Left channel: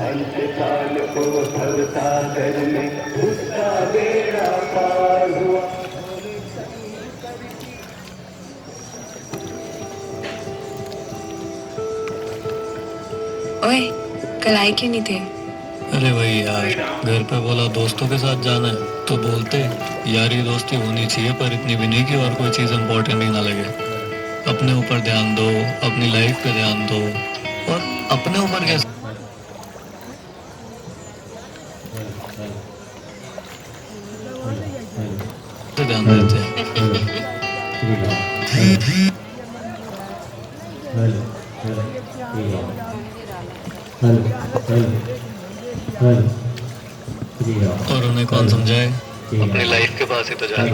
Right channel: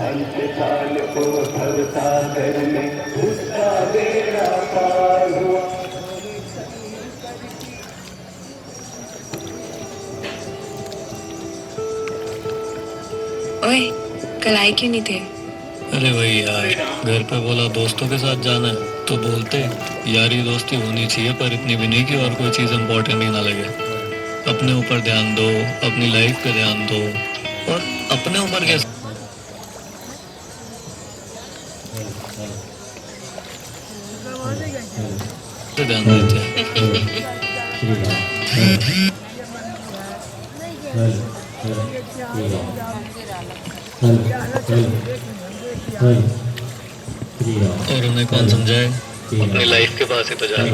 अंतकाल को भवसागर में उसका बेड़ा पार हुआ। ओए, कल आए क्यों नहीं थे? अरे वही यार, घर पे बोला दोस्तों के साथ जाना है तो बोलते यारी दोस्ती होनी चाहिए पर इतनी भी नहीं कि और कोई चीज़ इम्पोर्टेंट ही ना लगे। अपने ऊपर ध्यान दो, अपनी लाइफ पे ध्यान दो और अपने ऊपर कैसे ध्यान देते हैं। और उन्हें कौन समझाए, अपनी लाइफ के पास ही तो जाए।